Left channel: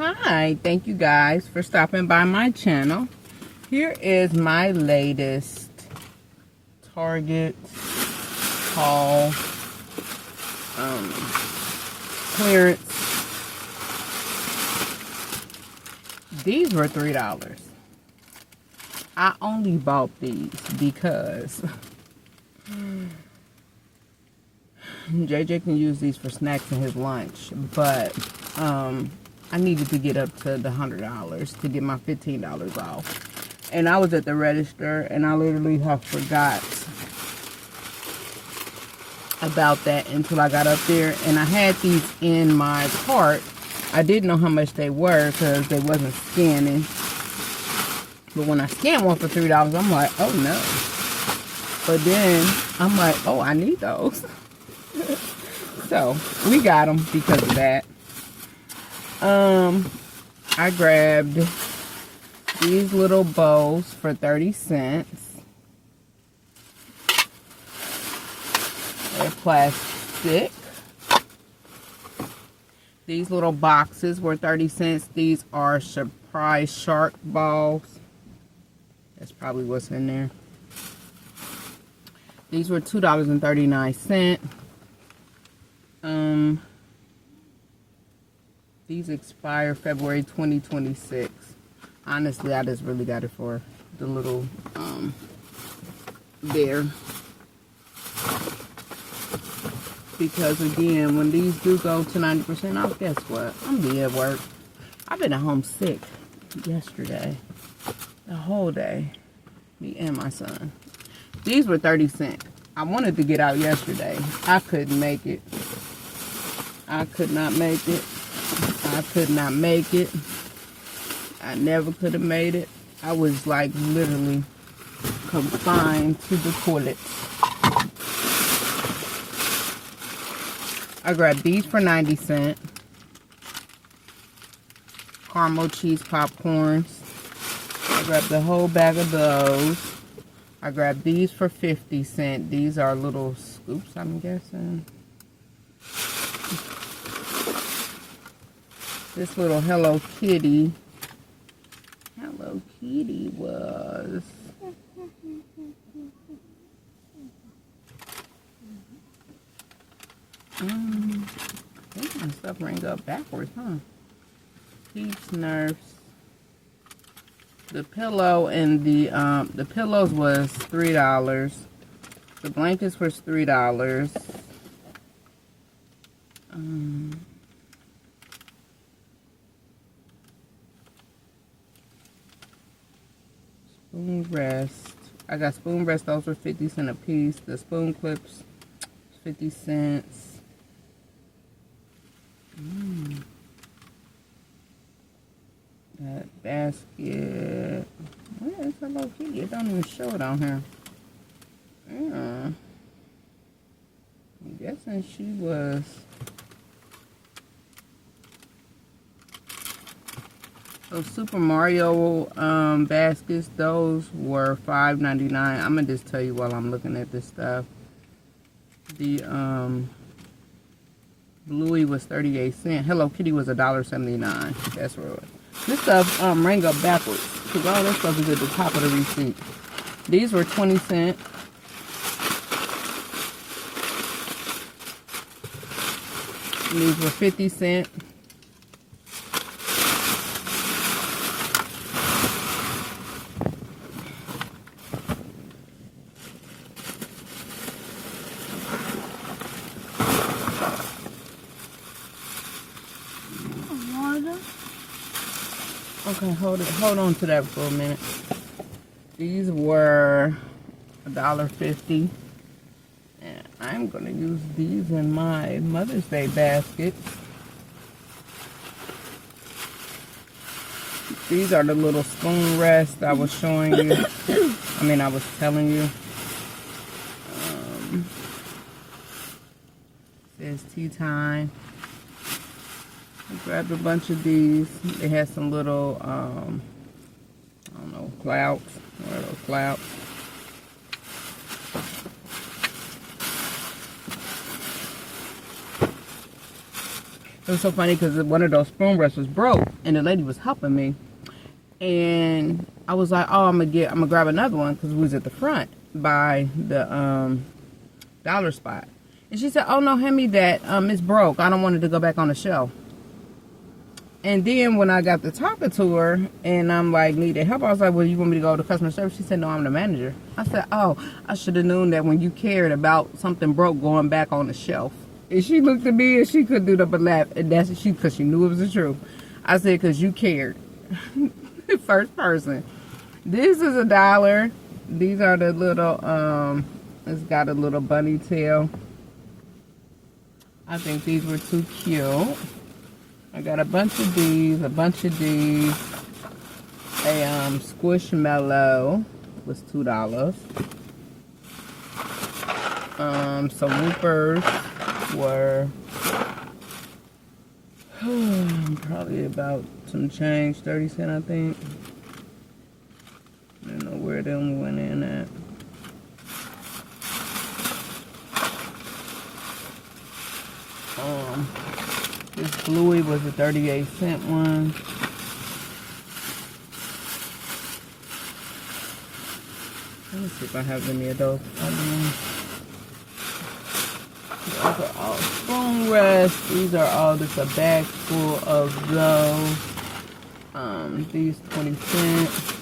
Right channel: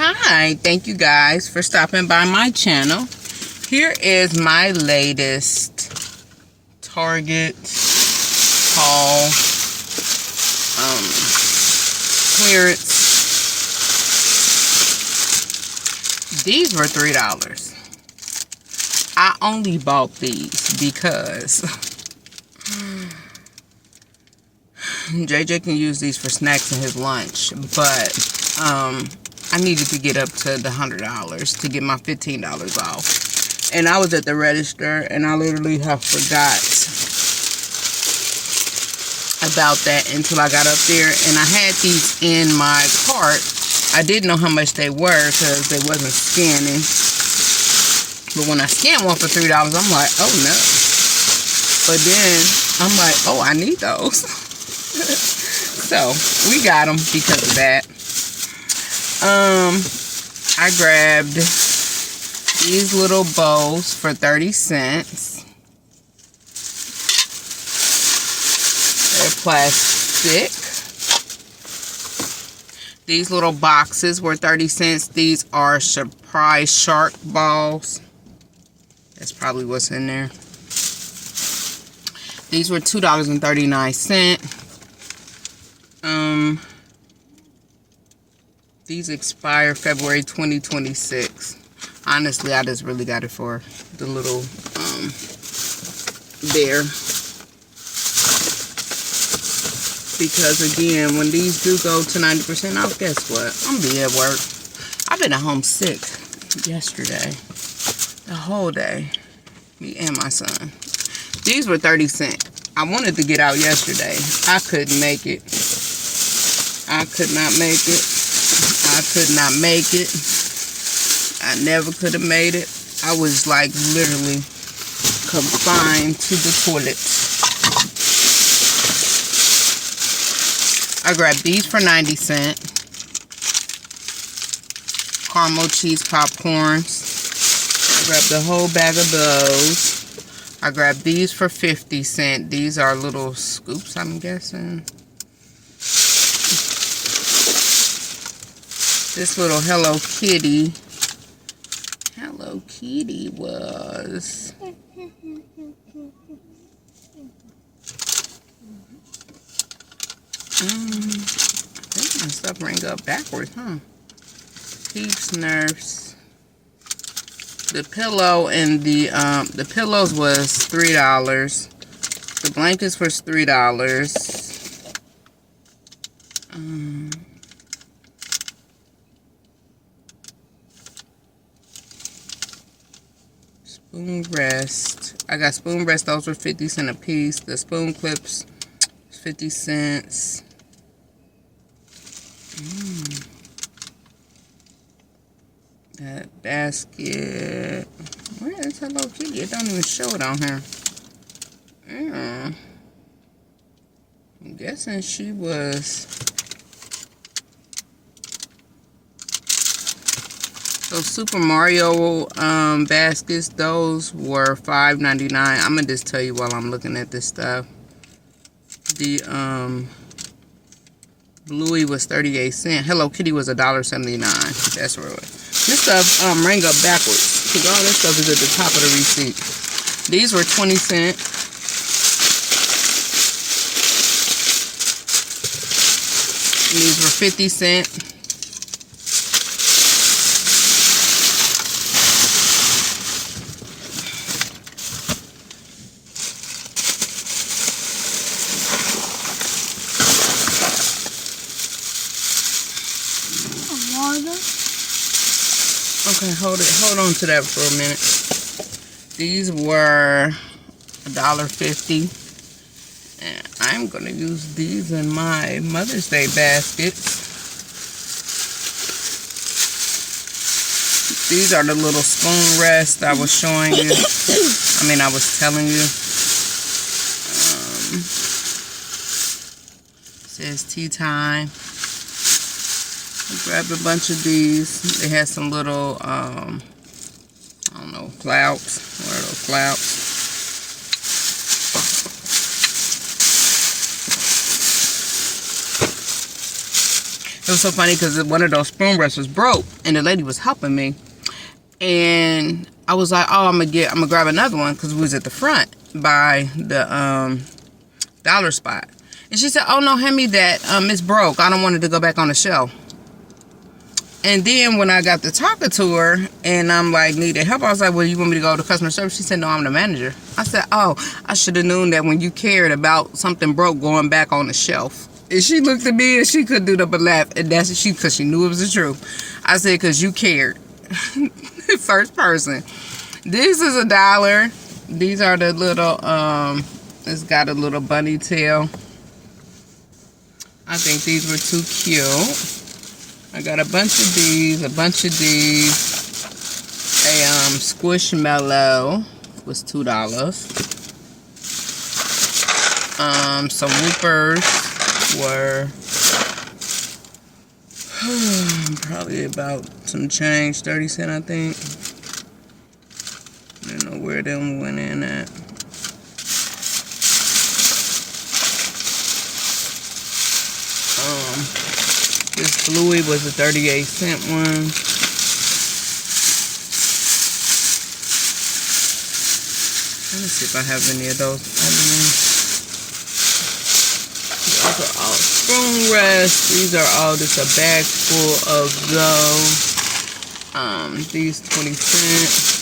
Hi, thank you guys for stopping by my channel. Here is my latest Target haul, clearance. These were $3. I only bought these because JJ can use these for snacks in his lunch, but I needed to get up to the $100 to get my $15 off. And I was at the register and I literally have forgot about that until I got up there, and I had these in my cart. I didn't know how much they were because they wasn't scanning. But when I scanned one for $3, I'm like, oh no. But then I'm like, oh, I need those. So we got them because of that. I grabbed these little bowls for 30 cents. They're plastic. These little boxes were 30 cents. These are surprise shark balls. That's probably what's in there. These were $2.39. These expire February 2026. Honestly, I just really got it for the little bear. Because again, when these do go to 90% off, guess what? I'm gonna be at work. I've been at home sick yesterday. The whole day. Me and my son. These were 30 cents. I wanted to get out yesterday. I couldn't make it. I could not make it. I could not make it. I never could have made it. I was like literally confined to the toilet. I grabbed these for 90 cents. Caramel cheese popcorns. I grabbed a whole bag of those. I grabbed these for 50 cents. These are little scoops, I'm guessing. This little Hello Kitty was I think my stuff rang up backwards, huh? Peeps Nurse. The pillow and the pillows was $3. The blankets was $3. Spoon rest. I got spoon rest. Those were 50 cents a piece. The spoon clips, 50 cents. That basket. Where is Hello Kitty? It don't even show it on here. Yeah. I'm guessing she was. Those Super Mario baskets, those were $5.99. I'm gonna just tell you while I'm looking at this stuff. The Bluey was 38 cents. Hello Kitty was $1.79. That's where it was. This stuff rang up backwards because all this stuff is at the top of the receipt. These were 20 cents. And these were 50 cents. Okay, hold on to that for a minute. These were $1.50. And I'm gonna use these in my Mother's Day baskets. These are the little spoon rests I was showing you. I was telling you. It says tea time. I grabbed a bunch of these. They had some little, I don't know, clouts. What are those clouts? It was so funny because one of those spoon rests was broke, and the lady was helping me. And I was like, oh, I'm gonna grab another one because we was at the front by the dollar spot. And she said, oh no, hand me that. It's broke. I don't want it to go back on the shelf. And then when I got to talking to her and I'm like, needed help, I was like, well, you want me to go to customer service? She said, no, I'm the manager. I said, oh, I should have known that when you cared about something broke going back on the shelf. And she looked at me and she couldn't do nothing but laugh. And that's because she knew it was the truth. I said, because you cared. First person. This is $1. These are the little, it's got a little bunny tail. I think these were too cute. I got a bunch of these, a Squishmallow was $2. Some Whoopers were probably about some change, 30 cents, I think. I don't know where them went in at. This Bluey was a 38-cent one. Let me see if I have any of those. Those are all spoon rests. These are all just a bag full of those. These 20 cents.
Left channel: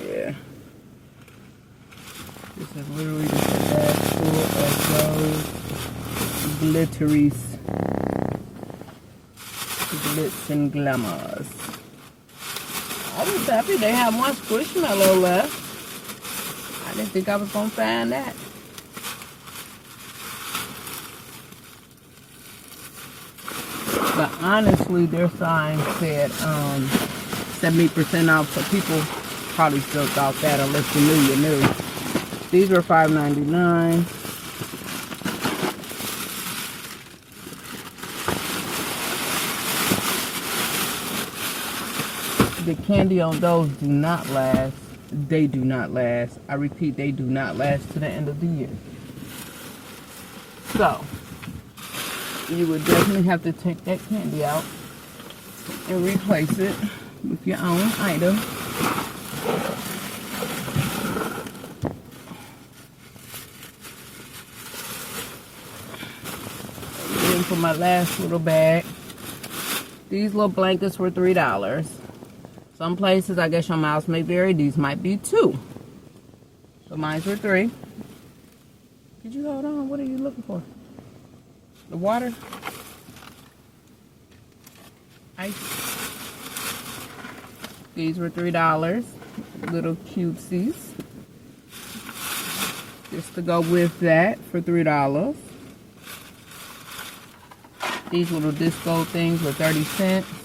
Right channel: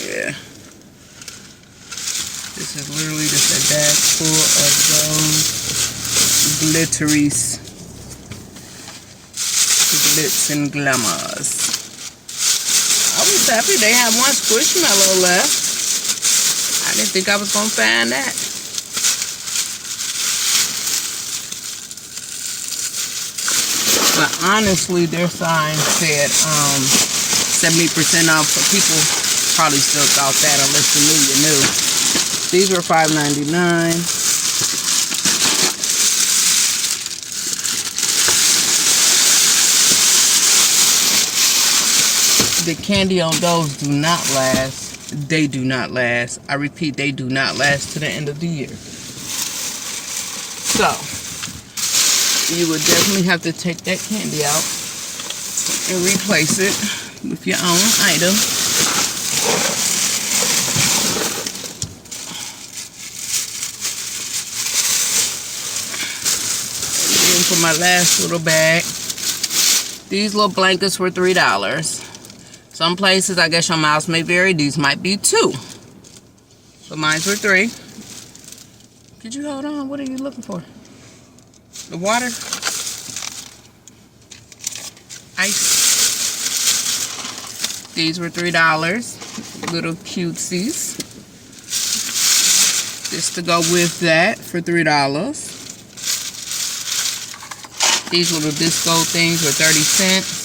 Yeah. This is literally just a bag full of those. Glitteries, glitz and glamours. I was happy they had one Squishmallow left. I didn't think I was gonna find that. But honestly, their sign said 70% off, so people probably still thought that unless you knew you knew. These were $5.99. The candy on those do not last. They do not last. I repeat, they do not last to the end of the year. So, you would definitely have to take that candy out and replace it with your own item. And then for my last little bag, these little blankets were $3. Some places, I guess your miles may vary. These might be $2. But mine were $3. Could you hold on? What are you looking for? The water? Ice. These were $3. Little cutesies. Just to go with that for $3. These little disco things were 30 cents.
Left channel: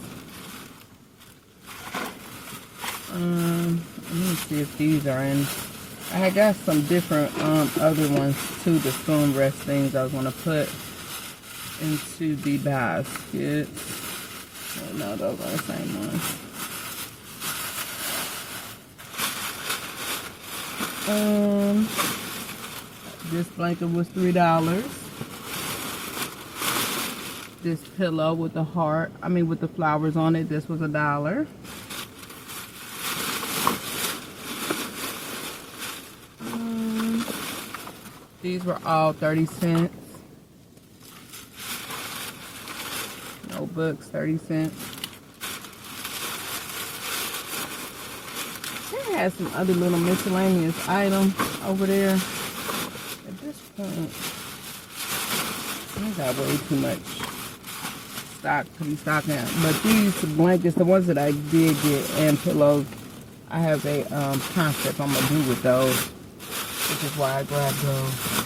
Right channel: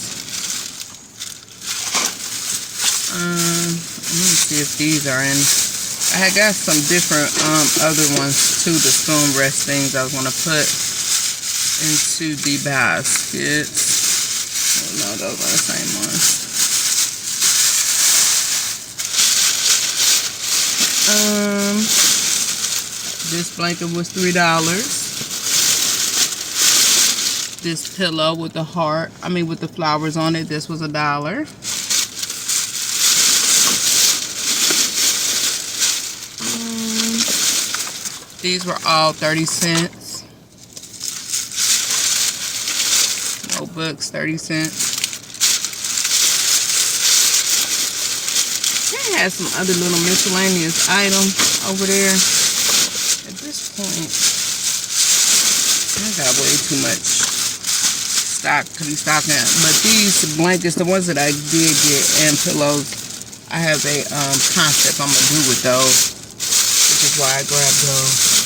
Let me see if these are in. I had got some different other ones too, the spoon rest things I was going to put into the baskets. Oh, no, those are the same ones. This blanket was $3. This pillow with the heart, with the flowers on it, this was $1. These were all 30 cents. Notebooks, 30 cents. They had some other little miscellaneous items over there. At this point, I got way too much stock to be stocking. But these blankets, the ones that I did get, and pillows, I have a concept I'm going to do with those, which is why I grabbed those.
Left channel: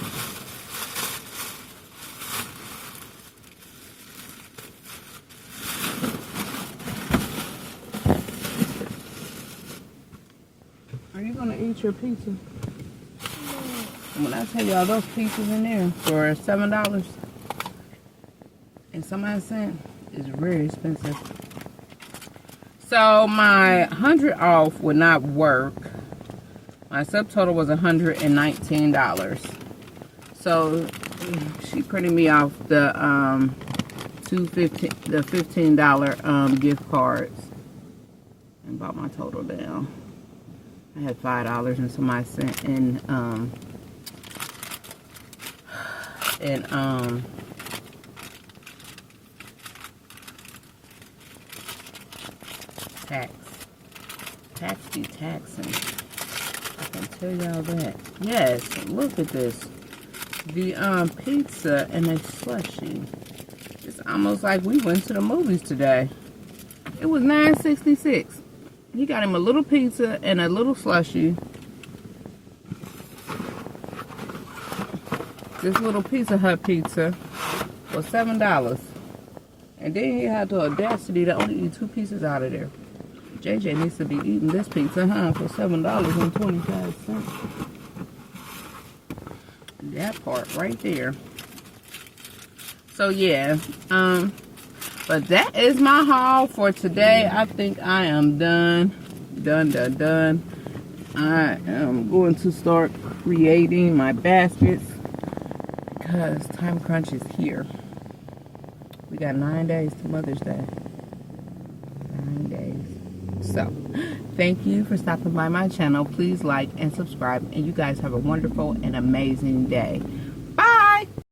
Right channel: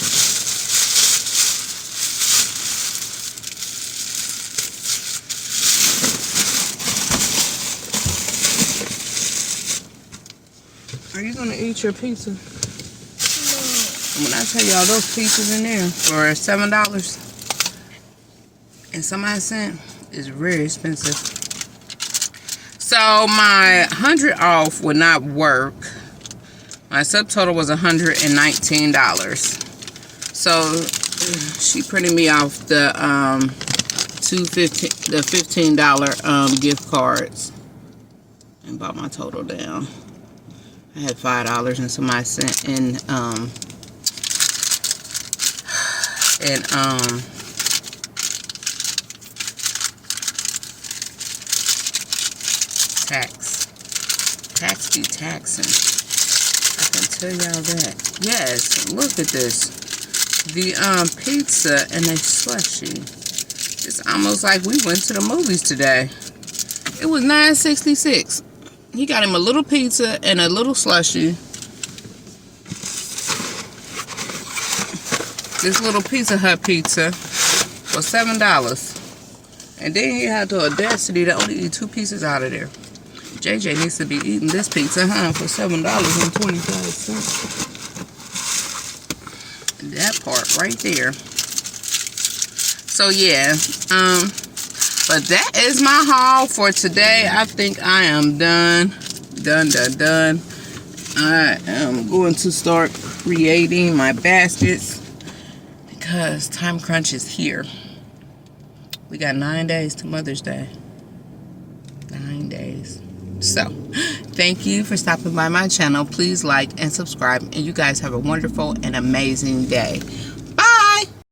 Are you going to eat your pizza? No. When I tell y'all those pizzas in there for $7 and some odd cent, is very expensive. So my 100 off would not work. My subtotal was $119. So She printed me off the $15 gift cards and brought my total down. I had $5 and somebody sent in tax be taxing. I can tell y'all that. Yes, look at this. The pizza and a slushie. It's almost like we went to the movies today. It was $9.66. He got him a little pizza and a little slushie. This little Pizza Hut pizza was $7. And then he had the audacity to only eat 2 pieces out of there. JJ needs to be eating this pizza, for $7.25. That part right there. So yeah, but that is my haul for today. I think I am done. I am going to start creating my baskets because time crunch is here. We got 9 days to Mother's Day. 9 days. So, thank you for stopping by my channel. Please like and subscribe. And you guys have a wonderful and amazing day.